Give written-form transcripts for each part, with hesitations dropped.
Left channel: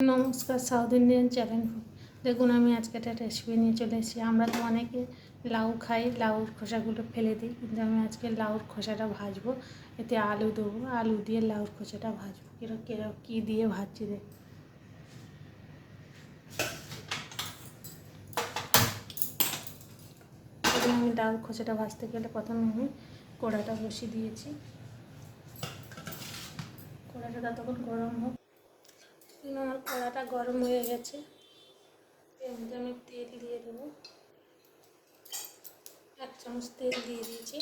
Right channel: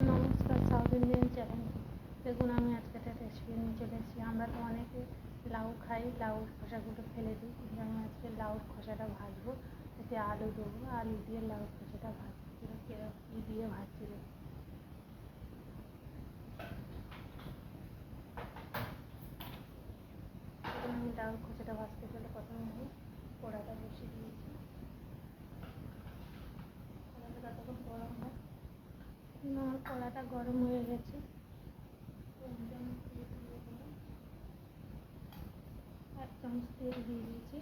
নমস্কার, south Indian channel. দেখুন, আমি আজকে একটা রেসিপি নিয়ে চলে এসেছি। আমরা তো অনেকে লাউ খাই, লাউর খোসাগুলো ফেলে দিই, কিন্তু আমি আজকে লাউর খোসাটা ভাজবো। এতে আলু দেবো, আলু দিয়ে লাউর খোসাটা ভাজবো। কী দিয়ে ভাজছি দেখ। আমি লাউর খোসাটা ভাজতে গেলে প্রথমে আমি কড়াটা বসিয়ে দিয়েছি। কড়াটা ততক্ষণ গরম হোক। আমার কড়াটা গরম হয়ে গেছে। এর মধ্যে আমি তেল দিয়ে দেবো। 1 চামচ তেল দিয়ে দিয়েছি।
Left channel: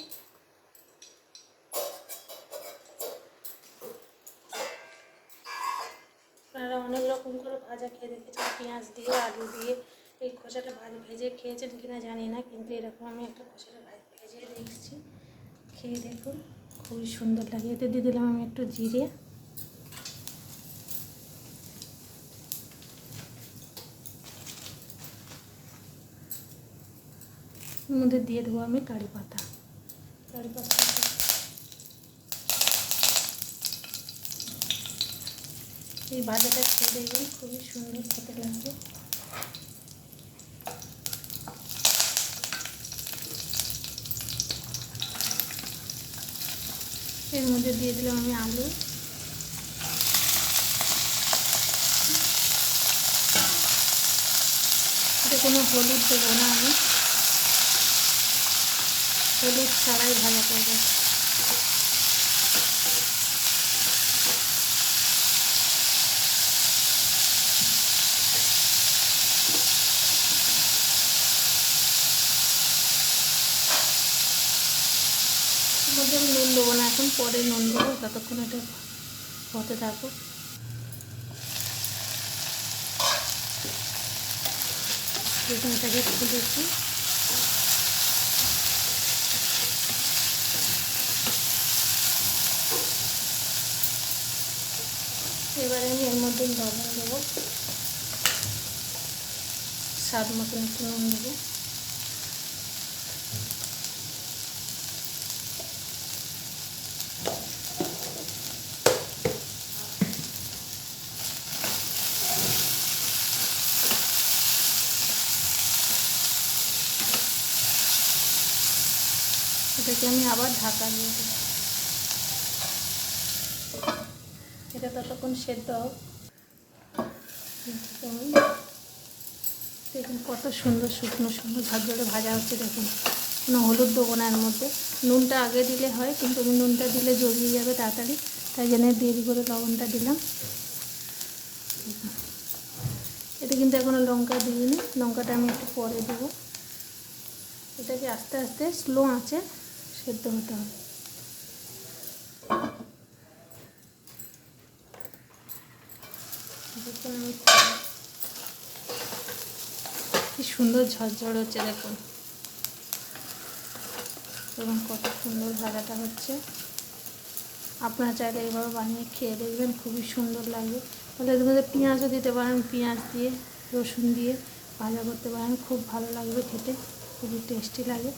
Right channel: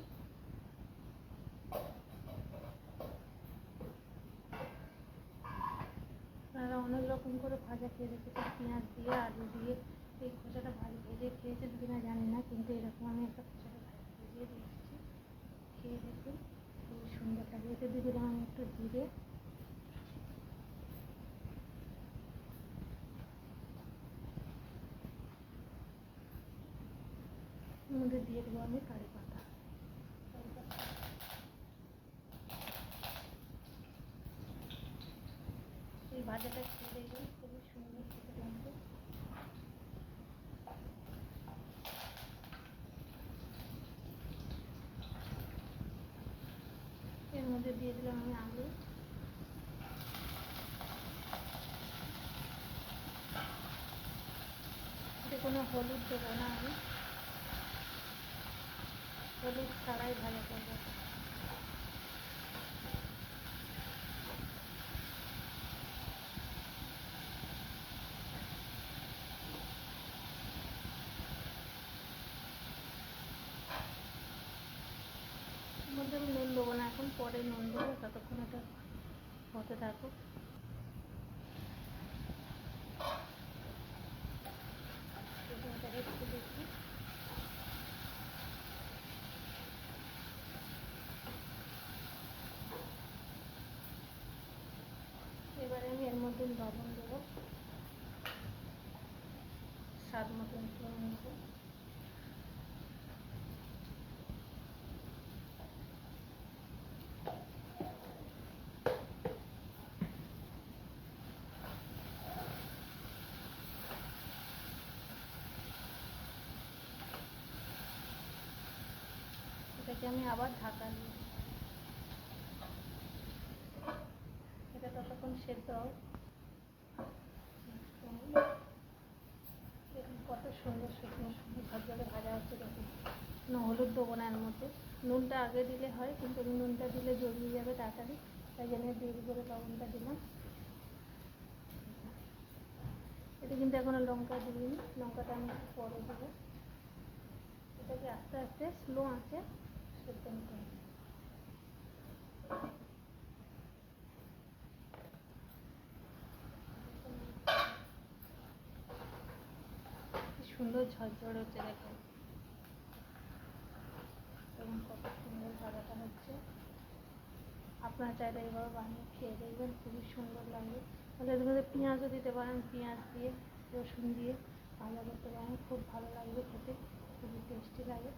আপনারা অনেক রকম করে ভাজা খেয়ে দেখেছেন, পেঁয়াজ দিয়ে, আলু দিয়ে। এই খোসাটা ভেজে খেয়েছেন কিনা জানি না, কিন্তু এরকম আমি একটা খোসাটা ভেজে দেখছি, খেয়ে দেখুন, খুবই সুন্দর লাগে। এতে দিয়ে দিলাম আমি একটু জিরে, এর মধ্যে দিয়ে দেবো আমি কারি পাতা। এই ভাজাটা খেয়ে দেখবেন, খুবই সুন্দর খেতে লাগবে। এর মধ্যে দিয়ে দিলাম আমি আলু। এতে কোনো হলুদ দেবো না, আমি হলুদ ছাড়াই ভাজা করবো। মধ্যে আমি নুন দেবো না এখন, পরে নুন দেবো, ততক্ষণ এটা হতে থাকুক। এটাকে খুলেছি। এবারে আমি এর মধ্যে লবণ দেবো, স্বাদ মতন একটু নুন দেবো। এটাকে আমি আবার ঢাকা দিয়ে দেবো। এটা ততক্ষণ সেদ্ধ হোক। দেখুন কত সুন্দর শুকনো শুকনো ঝরঝরে ভাজা হচ্ছে। দেখুন, কোনো হলুদ দেবো না এর মধ্যে। নুনটা আগে দিলে হয়, কিন্তু আমি নুনটা দিলে জড়িয়ে যাবে তাড়াতাড়ি, তাই জন্য দেরি করে লবণটা দিলাম। এটা কিন্তু এখনও লঙ্কা দিইনি, লঙ্কাটা আমি একটু পরে দেবো। এটাকে আস্তে আস্তে স্লো আঁচে সেদ্ধ হতে হবে। কি সুন্দর ঝরঝর হচ্ছে দেখুন, এবং কত সুন্দর ভাজাটা হচ্ছে। আপনারা চাইলে এইভাবে বানিয়ে খেয়ে দেখবেন, খুবই সুন্দর লাগবে। তাহলে এর মধ্যে পেঁয়াজও দিতে পারেন, পেঁয়াজ দিয়ে, রসুন দিয়ে ভাজা করতে পারেন, খুব ভালো লাগবে খেতে, খুবই টেস্টি লাগে।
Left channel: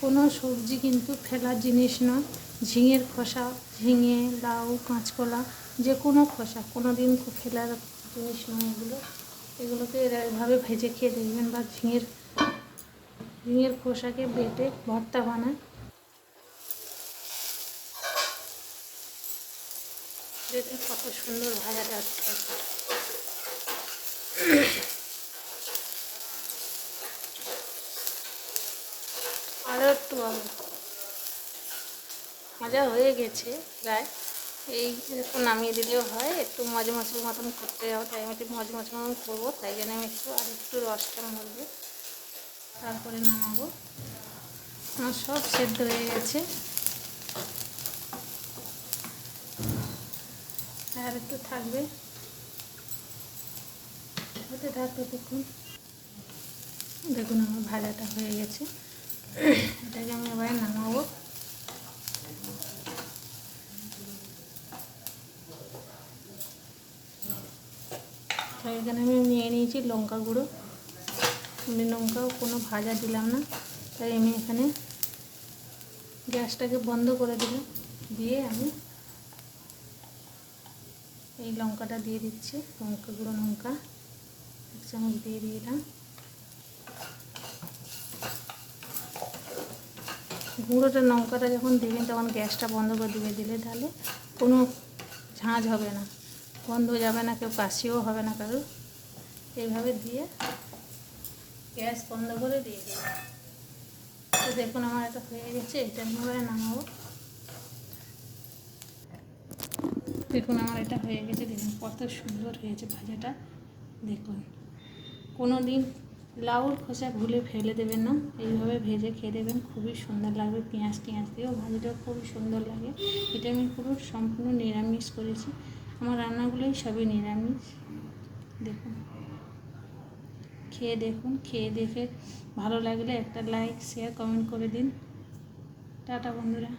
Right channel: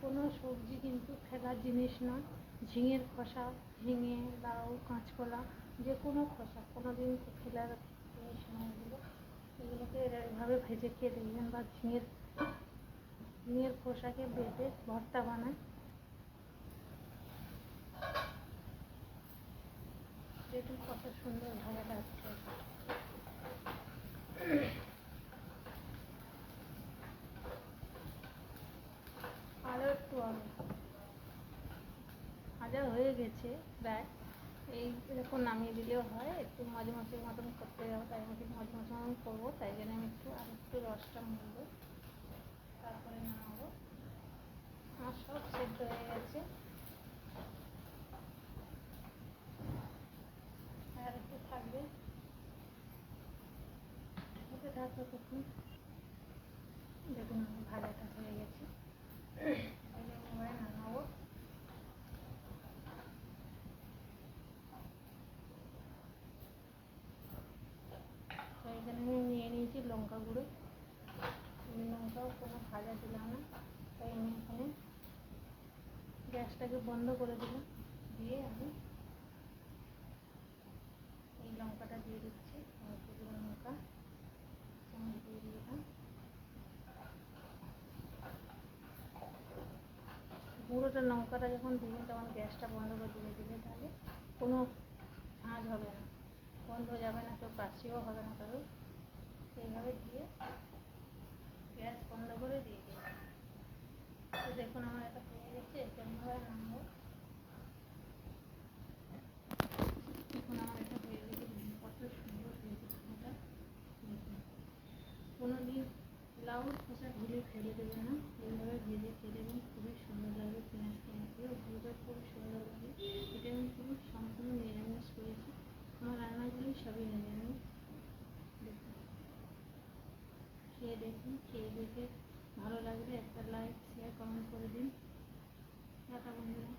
কোনো সবজি কিন্তু ফেলার জিনিস নয়। ঝিঙের খোসা, ঝিঙে, লাউ, কাঁচকলা, যে কোনো খোসা কোনো দিন ফেলার জিনিস নয় এগুলো। এগুলোকে এভাবে ভেজে খেয়ে দেখবেন, বা ঝিঙের খোসাকে বেটে ভর্তা বানায়। দেখুন কত সুন্দর ভাজাটা হচ্ছে। আরও একটু ভাজা হয়ে গেছে প্রায়। এই এরকম নামিয়ে দিলেও হয়। একটু মচমচের মতন করতে যাবো, তাই আমি একটু মচমচের মতন করবো, তাই জন্য আমি আরেকটু রসটা মরবে, তারপরে নামাবো। আমার সব সেদ্ধ হয়ে গেছে, আর একটু থাকবে, হতে থাকবে। দেখুন আমার ভাজাটা হয়ে গেছে। এটাকে আমি এবারে নামাবো। এখানে আমি নিয়ে নিয়েছি লঙ্কা গুঁড়ো। আমি লঙ্কাও কোনো ভাজা দিলাম না, তাই আমি এখানে গ্যাসটাকে বন্ধ করে দিলাম। দিয়ে আমি এই লঙ্কাটা দিয়ে দিচ্ছি, লঙ্কা গুঁড়ো লঙ্কা 1 চামচ দিয়ে দিলাম। গুঁড়োটা লঙ্কাটা যখন দেবেন তখন গ্যাসটা বন্ধ করে দিলে তাহলে কোনো ঝাঁঝ হবে না, বন্ধ যাবে না, কেউ কাশিও হবে না কারোর। এইভাবে দিয়ে গ্যাস বন্ধ করে দিয়ে দেবো। তো দেখুন আমার এটা হয়ে গেছে, এটা আমি এবারে নামাবো। দেখুন আমার এটা হয়ে গেছে, দেখুন কত সুন্দর হয়েছে ভাজাটা। দেখুন কোনো দিন লাউর খোসা ভুলে ফেলে দেবেন না, এইভাবে ভেজে খেয়ে দেবেন, খুবই সুন্দর লাগবে। পেঁয়াজ দিয়েও ভাজিটাও খুবই সুন্দর লাগে। এটা আমি পুরো সম্পূর্ণ নিরামিষ করেছি, আমার রান্নাগুলোই সবই নিরামিষ। দেখুন খেয়ে দেখুন, খেয়ে দেখে ভালো লাগলে একটা লাইক শেয়ার কমেন্ট করে দিন। টাটা বন্ধুরা।